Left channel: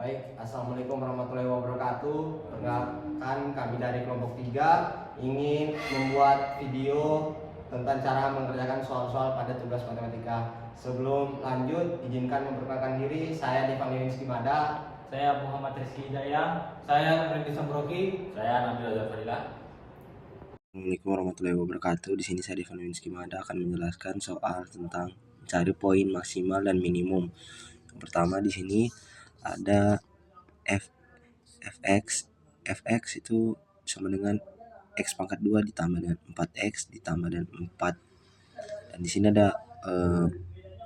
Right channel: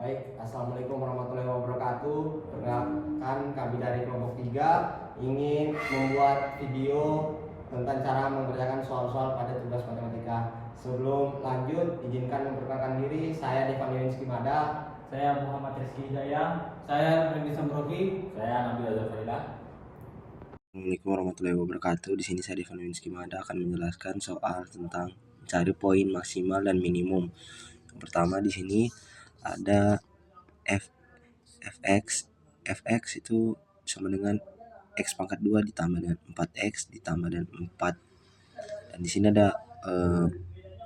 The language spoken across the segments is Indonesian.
Baik, Assalamualaikum warahmatullahi wabarakatuh. Perkenalkan, kami dari kelompok 3 ingin membuat video tentang cara mengerjakan soal-soal pada tugas matematika. Sebelum lanjut, izinkan memperkenalkan diri. Saya Devan Yunis Kimada. Saya Muhammad Rizky Hidayah. Saya Randy Sambroki. Saya Nabil Azhar Fadilah. Assalamualaikum warahmatullahi wabarakatuh. Di sini saya Devan Yunis Kimada akan menjelaskan soal tentang mencari poin maksimal dan minimum. Yang pertama di sini ada fx itu sama dengan x pangkat 2 ditambah dengan 4x ditambah dengan 4. Dan di sini ada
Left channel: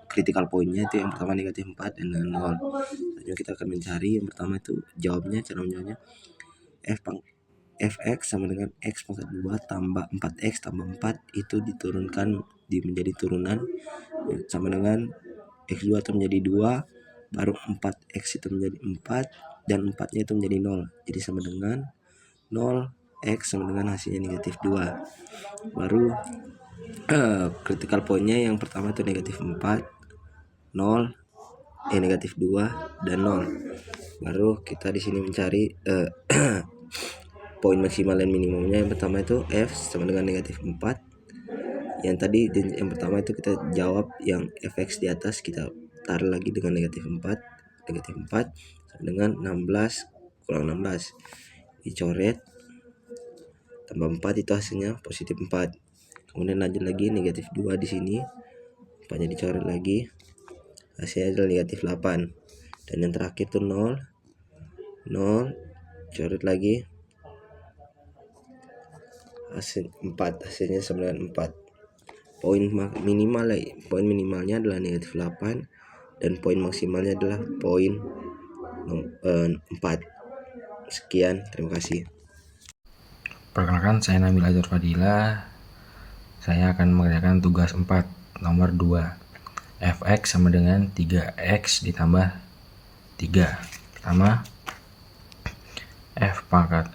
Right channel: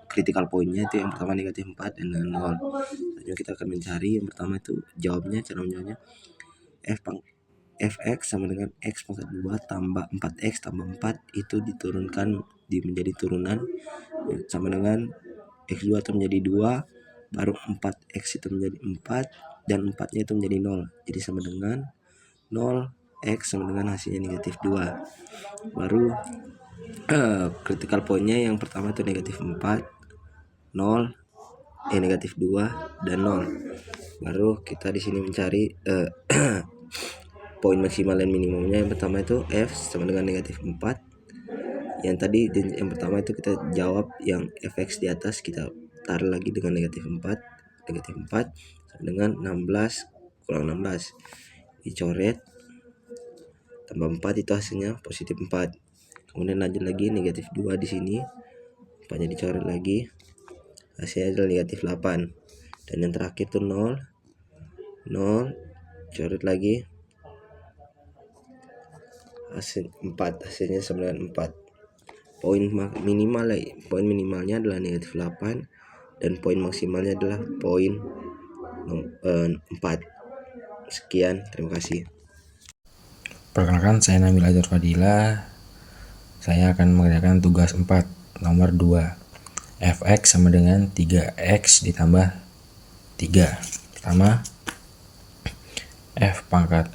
critical pointnya, itu yang pertama negatif 4 dan dengan 0. Selanjutnya kita akan mencari yang pertama itu cara menjawabnya fx sama dengan x pangkat 2 tambah 4x tambah 4 itu diturunkan menjadi turunan sama dengan x2 itu menjadi 2, baru 4x itu menjadi 4 dan 4 nya itu menjadi 0, jadi sama dengan 0x sama dengan hasilnya negatif 2. Baru critical pointnya yang pertama itu negatif 4, 0, negatif 2 dan 0. Baru kita di sini mencari poin maksimal dan minimumnya. Yang pertama itu f sama dengan negatif 4. Yang tadi yang pertama itu kita jawab yang fx di atas, kita taruh lagi dengan negatif 4 sama dengan 16 kurang 16 dicoret, tambah 4 itu hasilnya positif 4. Kemudian lanjut lagi negatif 2 di sini, 4 nya dicoret lagi, hasilnya adalah negatif 8. Dan yang terakhir tuh 0 coret lagi, hasil 4, hasilnya sama dengan 4. Poin minimalnya adalah negatif 8 dan poin maksimalnya adalah poin 4. Sekian, terima kasih. Perkenalkan, saya Nabil Azhar Fadilah. Saya akan mengerjakan tugas 4 nomor 2. Fx sama dengan 3x ditambah 3. Pertama, f pangkat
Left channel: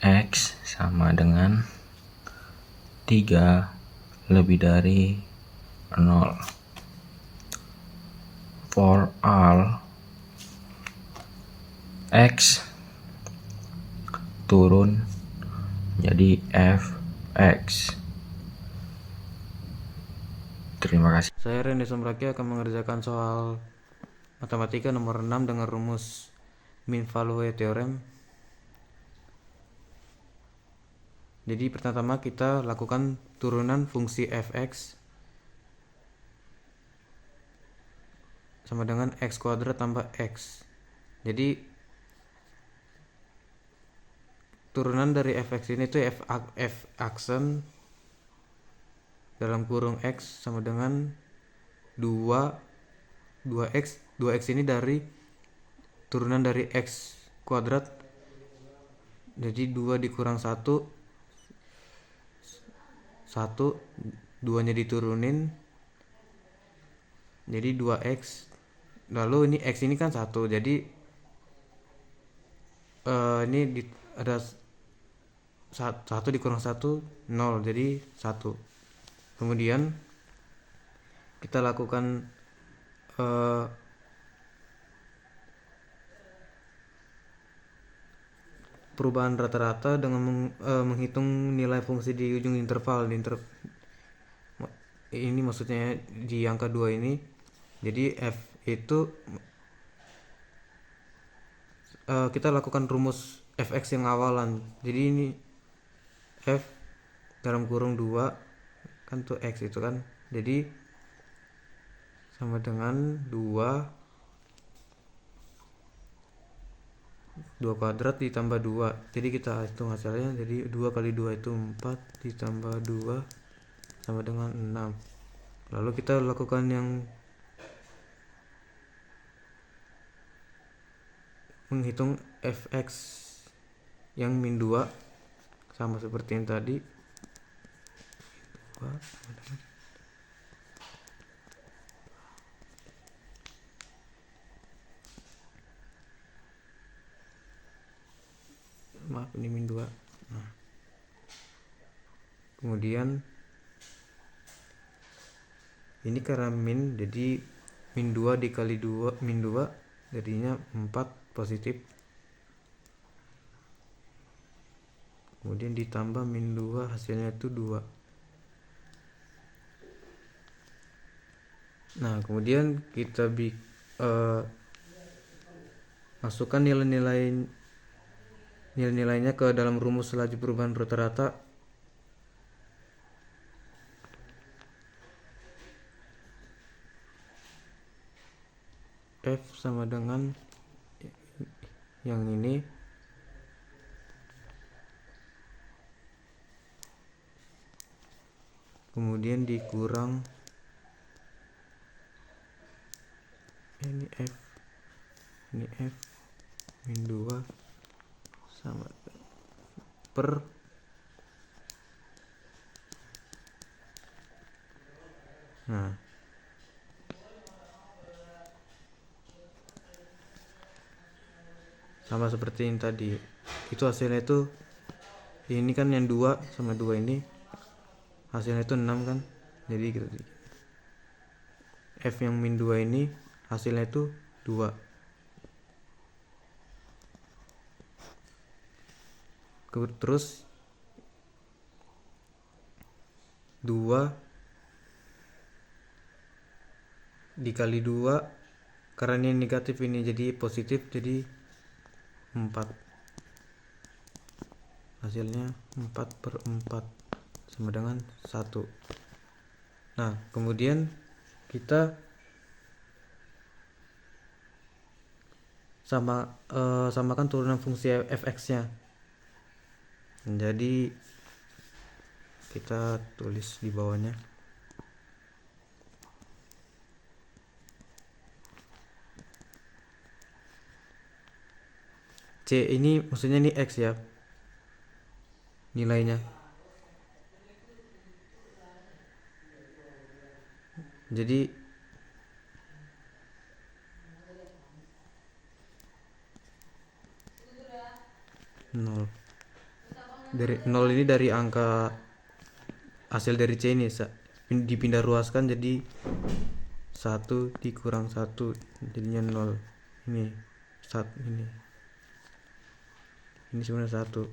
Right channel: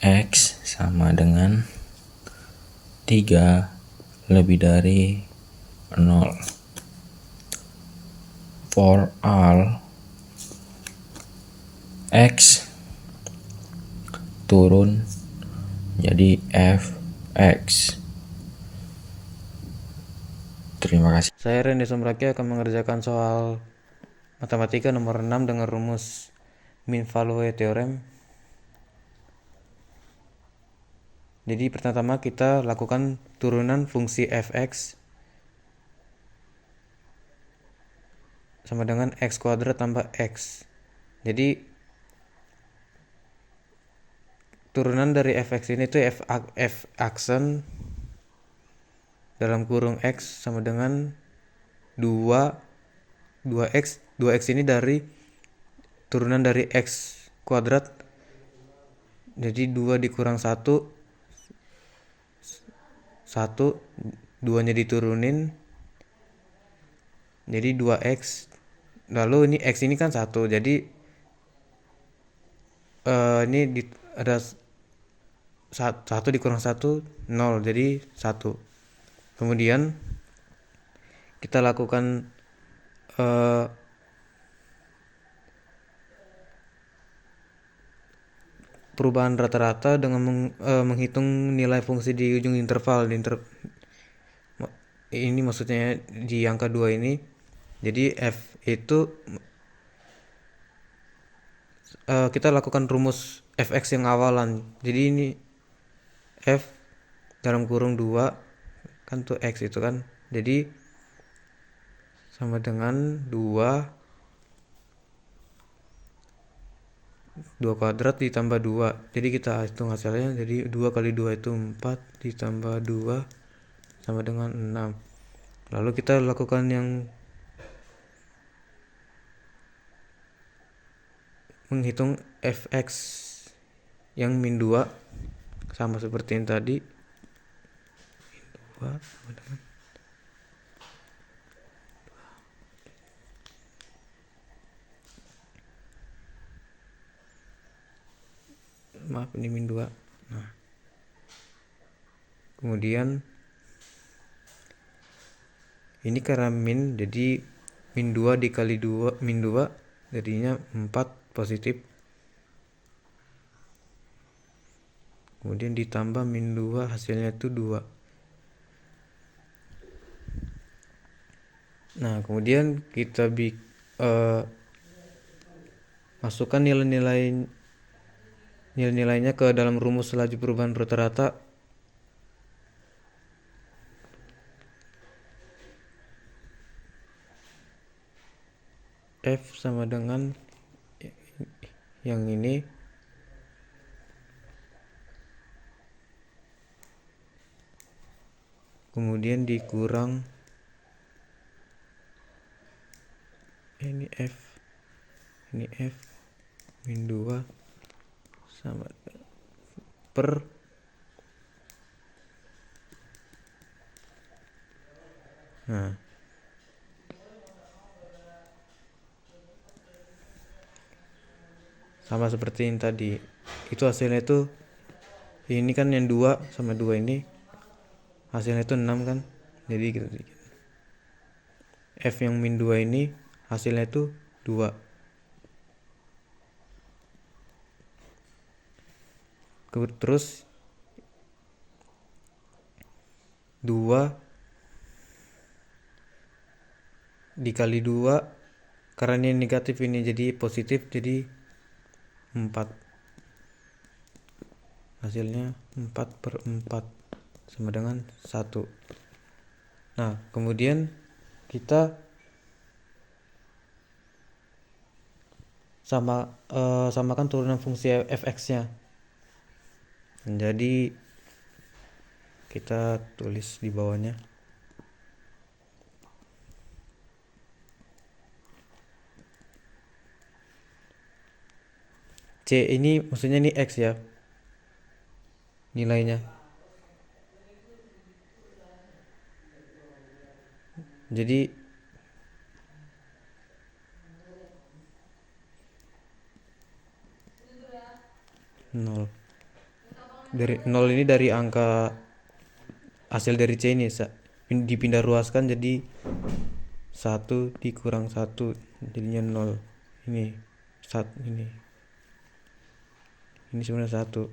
x sama dengan 3 lebih dari 0. For all x turun jadi fx. Terima kasih. Saya Randy Sambroki akan mengerjakan soal matematika nomor 6 dengan rumus mean value theorem. Jadi pertama kita lakukan turunan fungsi fx sama dengan x kuadrat tambah x. Jadi turunan dari fx ini tuh f aksen dalam kurung x sama dengan 2x ini dari turunan dari x kuadrat, jadi 2 dikurang 1, 2 nya diturunin jadi 2x, lalu ini x ini kan 1, jadi ini ada 1 dikurang 1 0, jadi 1. Kemudian kita lakukan perubahan rata-rata dengan menghitung nilai fungsi di ujung interval. Ini maksudnya di angka 2 ini. Jadi f itu kita lakukan rumus fx yang awalan. Jadi ini f dalam kurung 2 kan tuh x itu kan, jadi sama dengan 2 kuadrat ditambah 2. Jadi kita hitung hasilnya, jadi 2 kali 2 itu 4 ditambah 2 sama dengan 6. Lalu kita lakukan yang menghitung fx yang min 2 sama seperti yang tadi. 2 sama dengan ini min 2. Nah, kemudian ini karena min, jadi min 2 dikali 2 min 2 jadinya 4 positif, kemudian ditambah min 2 hasilnya itu 2. Nah kemudian kita masukkan nilai-nilainya ke dalam rumus laju perubahan rata-rata. F sama dengan yang ini kemudian dikurang ini F min 2 sama per sama seperti yang tadi. Itu hasilnya itu ini kan yang 2 sama 2 ini hasilnya itu 6 kan, jadi gitu. F yang min 2 ini hasilnya itu 2. Terus 2 dikali 2 karena ini negatif ini jadi positif, jadi 4, hasilnya 4/4 sama dengan 1. Nah kemudian kita samakan turunan fungsi fx nya. Jadi kita tulis di bawahnya C ini maksudnya ini X ya nilainya. Jadi nol dari 0 ini dari angka hasil dari C ini dipindah ruaskan jadi 1 dikurang 1 jadinya 0. Ini sebenarnya 1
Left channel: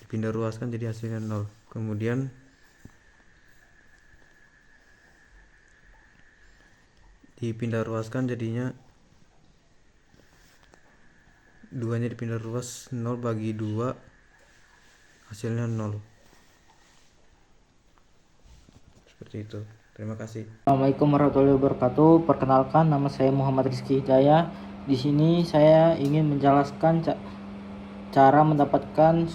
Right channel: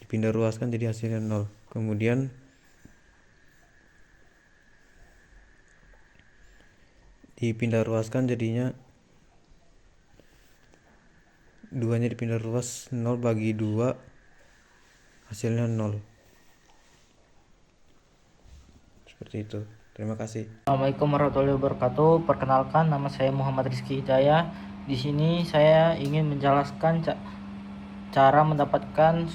dipindah ruaskan jadi hasilnya 0. Kemudian dipindah ruaskan jadinya 2 nya dipindah ruas 0 bagi 2 hasilnya 0. Seperti itu. Terima kasih. Assalamualaikum warahmatullahi wabarakatuh. Perkenalkan, nama saya Muhammad Rizky Hidayah. Di sini saya ingin menjelaskan cara mendapatkan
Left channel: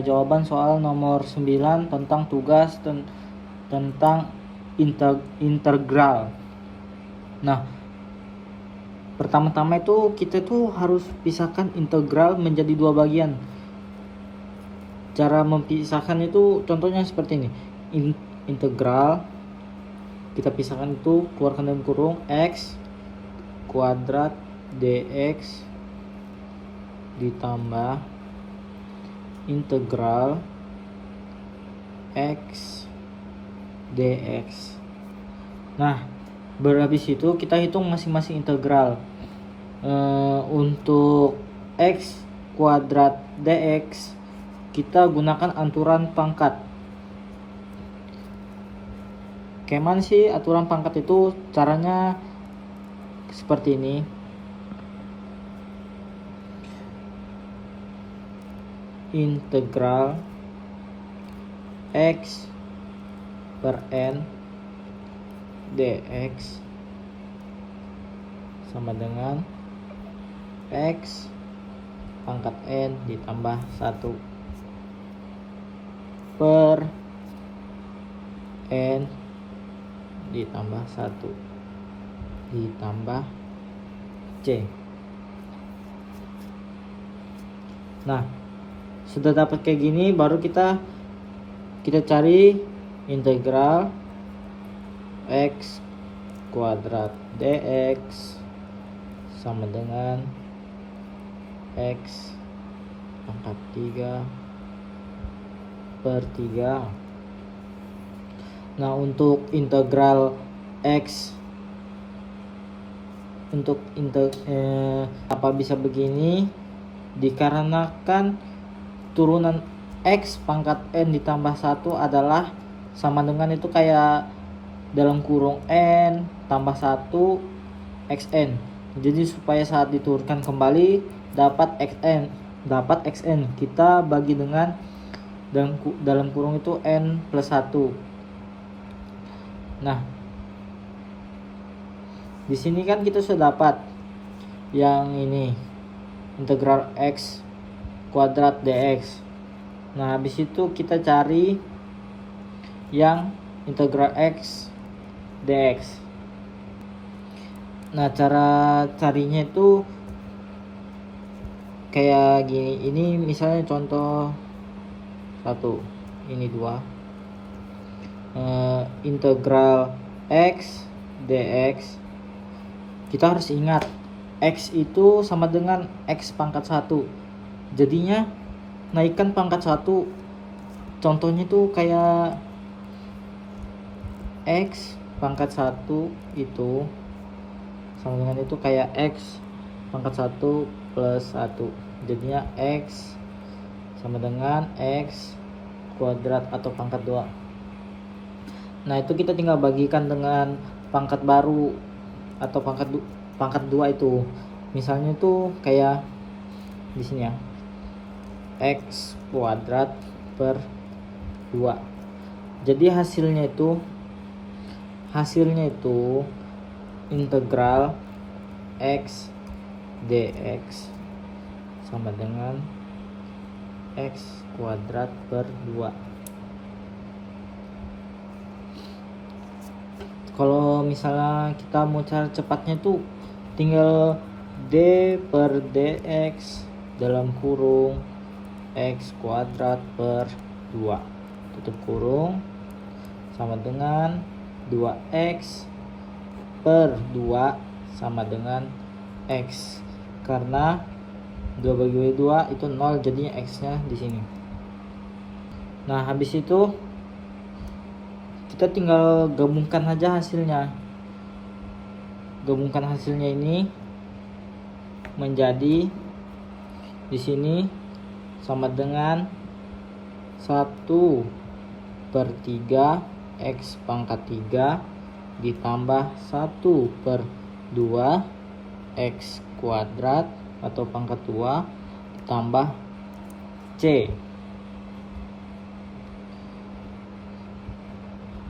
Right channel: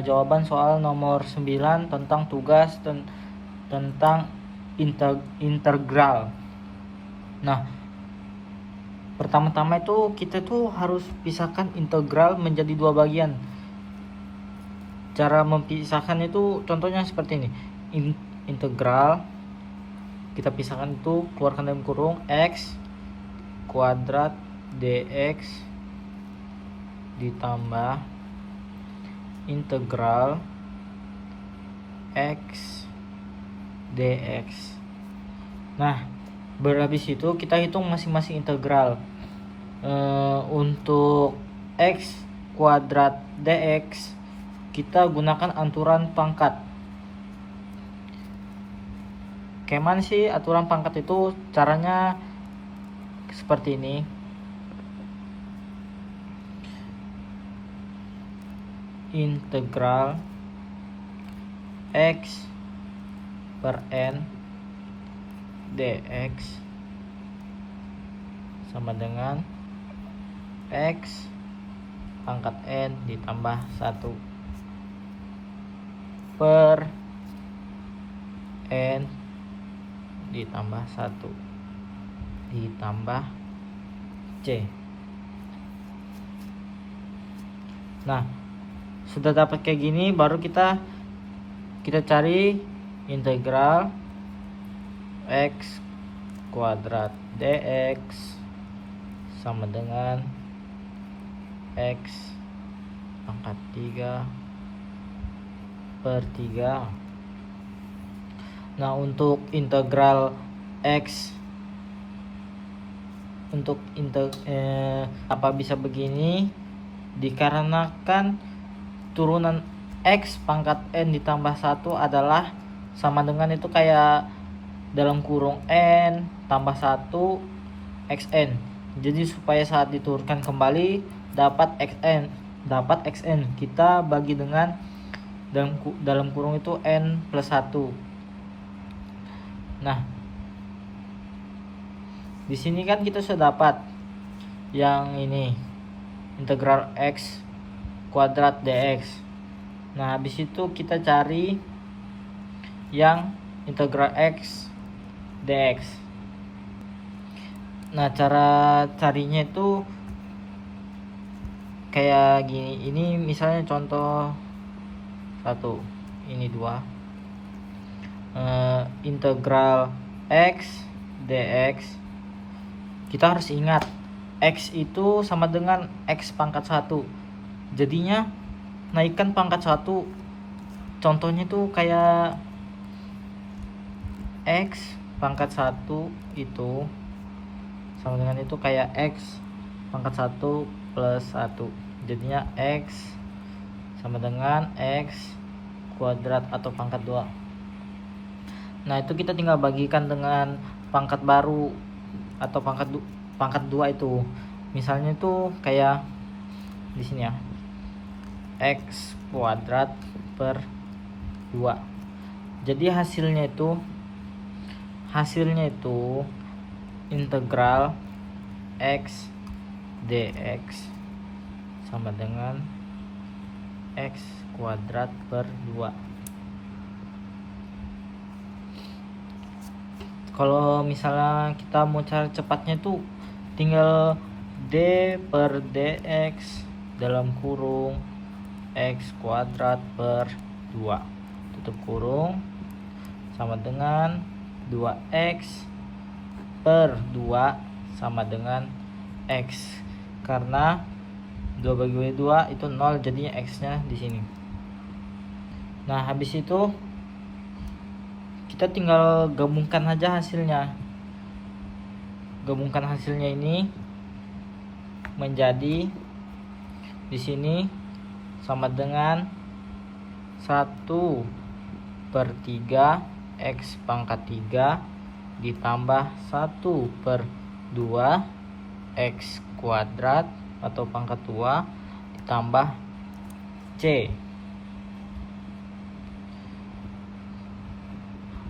jawaban soal nomor 9 tentang tugas tentang integral. Nah, pertama-tama itu kita tuh harus pisahkan integral menjadi 2 bagian. Cara memisahkan itu contohnya seperti ini. Integral kita pisahkan itu, keluarkan dalam kurung x kuadrat dx ditambah integral x dx. Nah, berhabis itu kita hitung masing-masing integral. Untuk x kuadrat dx kita gunakan aturan pangkat. Gimana sih aturan pangkat itu? Caranya seperti ini. Integral x per n dx sama dengan x pangkat n ditambah 1 per n ditambah 1 ditambah c. Nah, sudah dapat kayak gini, baru kita cari integral x kuadrat dx sama dengan x pangkat 3 per 3. Nah, untuk integral x apa bisa begini? Dikarenakan turunan X pangkat N ditambah 1 adalah sama dengan itu kayak dalam kurung N tambah 1 XN. Jadi supaya saat diturunkan kembali dapat XN, kita bagi dengan dalam kurung itu N plus 1. Nah, di sini kan kita sudah dapat yang ini integral X kuadrat dx. Nah, habis itu kita cari yang integral X dx. Nah, cara carinya itu kayak gini. Ini misalnya contoh 1, ini 2. Integral X dx. Kita harus ingat X itu sama dengan X pangkat 1. Jadinya naikkan pangkat 1. Contohnya itu kayak X pangkat 1 itu sama dengan itu kayak X pangkat 1 plus 1. Jadinya X sama dengan X kuadrat atau pangkat 2. Nah, itu kita tinggal bagikan dengan pangkat baru atau pangkat 2 itu. Misalnya itu kayak di sini ya. X kuadrat per 2. Jadi hasilnya itu integral X dx sama dengan X kuadrat per 2. Kalau misalnya kita mau cari cepatnya tuh tinggal d per dx dalam kurung x kuadrat per 2 tutup kurung sama dengan 2x per 2 sama dengan x, karena 2 bagi 2 itu 0, jadinya x nya di sini. Nah, habis itu kita tinggal gabungkan aja hasilnya. Gabungkan hasilnya ini menjadi di sini sama dengan 1/3 x pangkat 3 ditambah 1/2 x kuadrat atau pangkat 2 ditambah c.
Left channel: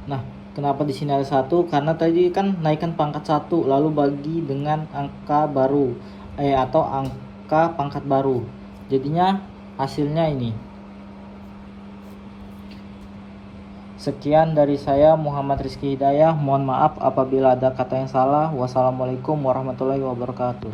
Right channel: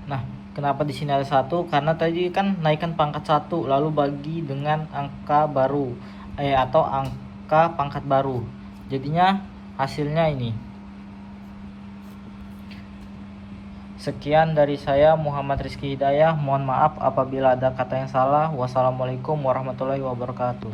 Nah, kenapa di sini ada 1? Karena tadi kan naikkan pangkat 1 lalu bagi dengan angka baru atau angka pangkat baru. Jadinya hasilnya ini. Sekian dari saya, Muhammad Rizky Hidayah. Mohon maaf apabila ada kata yang salah. Wassalamualaikum warahmatullahi wabarakatuh.